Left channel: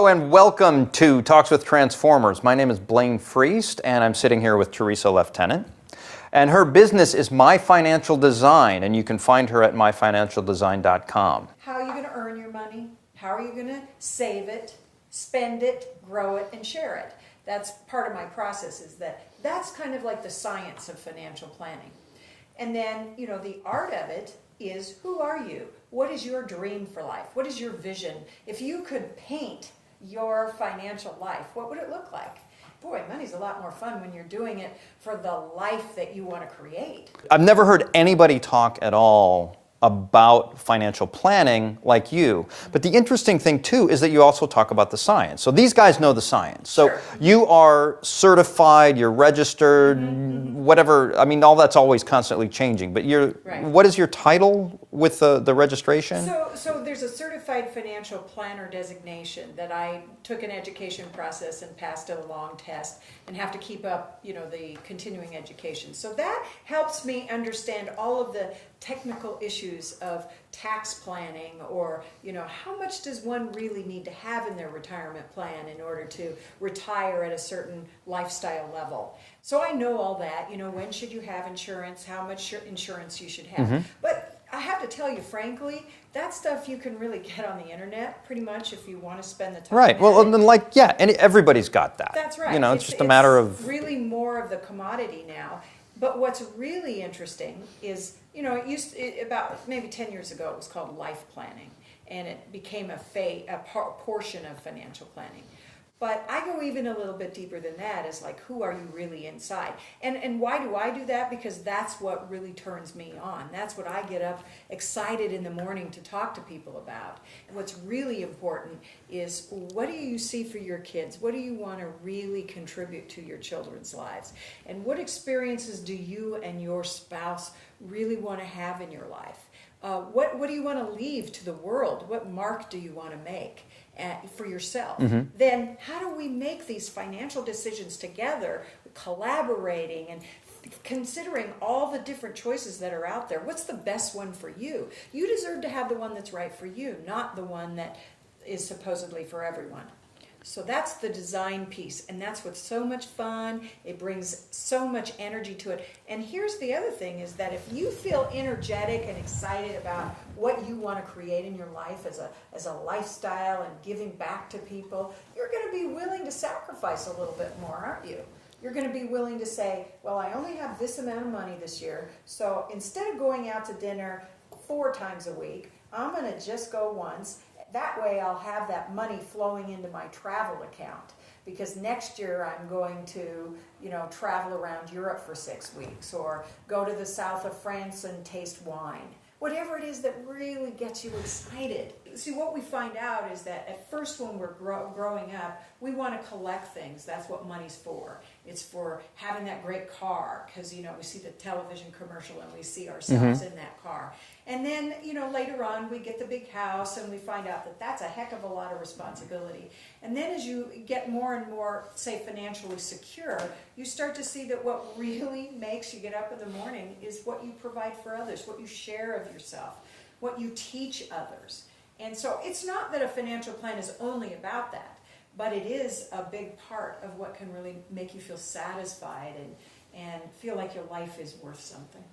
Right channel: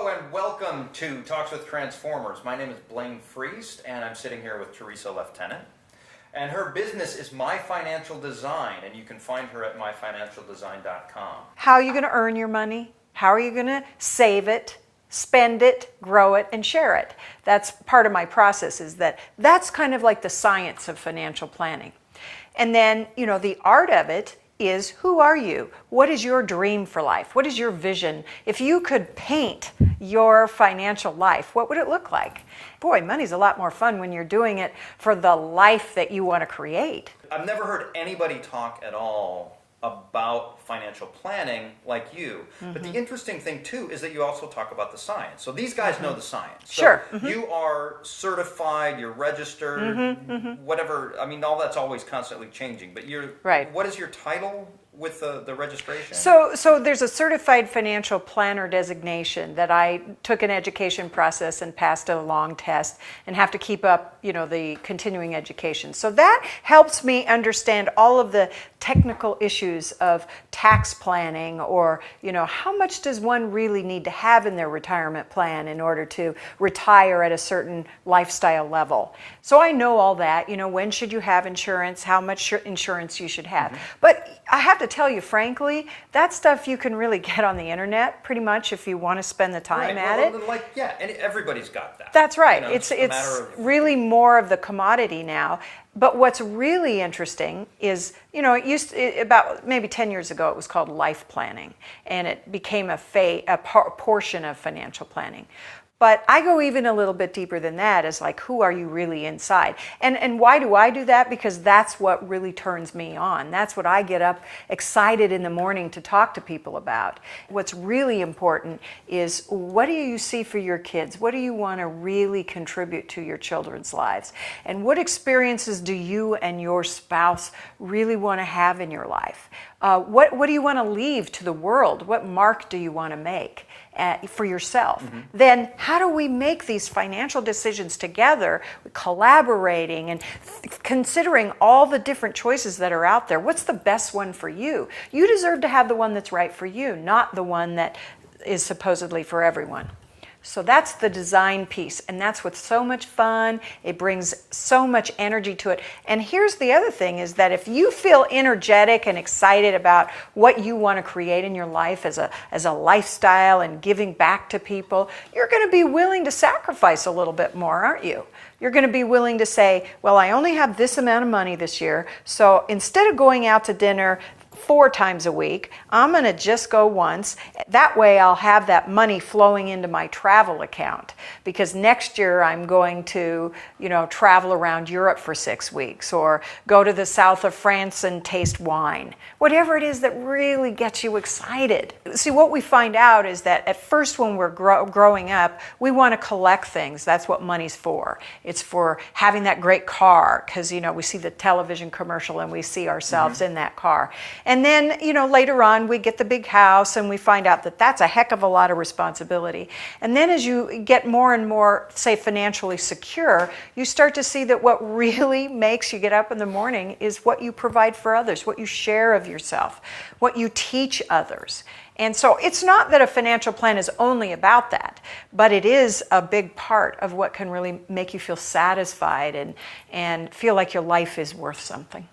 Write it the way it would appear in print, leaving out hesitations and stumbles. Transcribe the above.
And welcome to Talks with Transformers. My name is Blane Friest, and I'm sitting here with Tresa Lieutenant. And her business is My Financial Design, and you can find her at myfinancialdesign.com. How are you going to earn your money? How are you going to save it, spend it, grow it, and share it? That's part of my process, is that's kind of like the science of financial planning. And then, the art of it is, who are you? What is your dream for life? What is your vision? If you could paint your financial life, what would it look like? Boy, money's a lot more fun when you're doing it for the life that you want to create. I've never heard anybody talk at all about financial planning like you. But the interesting thing too is that you also talk about the science. So these guys know the science. So sure. You are certified, you're registered, whatever. I mean, all that's always constantly changing. But right. What is your title with the registration? So there's a certified financial planner designation that I took an education process and passed a long test and have to keep up, the continuing education. So that helps me understand all of the technical issues of tax planning, or how much does one really need to have in their retirement plan in order to retire at a certain lifestyle level. So I know all that, when should you have insurance, how much insurance you should have. But I have to tell you, frankly, that stuff you can really get on the internet pretty much if you want to spend the time at it. And everybody's got that. That's right. It's just a matter of really more of the commodity now. But what's really interesting is, about maybe 10 years ago, it was called life planning, and it became a portion of financial planning. But I go even a little bit deeper than that, as like, who are you really inside? And why do I do that? Because that's what really turns me on. That's what I get up excited in the morning to talk to people about. What's really important is, what do you see for your kids? What do you want to really contribute to your children's lives? And what experiences do you and your spouse really want to have in your life? What do you want to leave to the world? What mark do you want to make for yourself? Then how do we make these financial decisions together, collaborating and considering all the different choices that are out there? What's the best one for you? You deserve to have the one that's right for you, not the one that is supposedly for everyone. So that's the design piece, and that's what's so much fun. It brings so much energy to it. And here's the other thing, is that if you feel energetic and excited about what you want to create in your life as a lifestyle and giving back to people, you're going to be willing to sacrifice a little bit more, aren't you? You're going to be willing to say, well, I only have this amount of money this year, so instead of going out to dinner 4 times a week, I'm going to just go once. That way I'll have that money flowing into my travel account, because next year I'm going to, travel around Europe for 6 weeks, or go to the south of France and taste wine. Whatever it is that really gets you excited. See, what we find out is that at first, when we're growing up, we want to collect things. That's what money's for. It's for having that great car, because, we see the television commercial and we see ourselves in that car. And then, later on, we get the big house and we find out that that's a heck of a lot of responsibility. And then as you get more and more, say, financially secure, you start to see that what really makes you get up in the morning is what you provide for others, what you share of yourself, what you teach others. And so it's not that a financial plan is only about that, but it is a big part of what can really make you feel satisfied and feel like your life is worth something.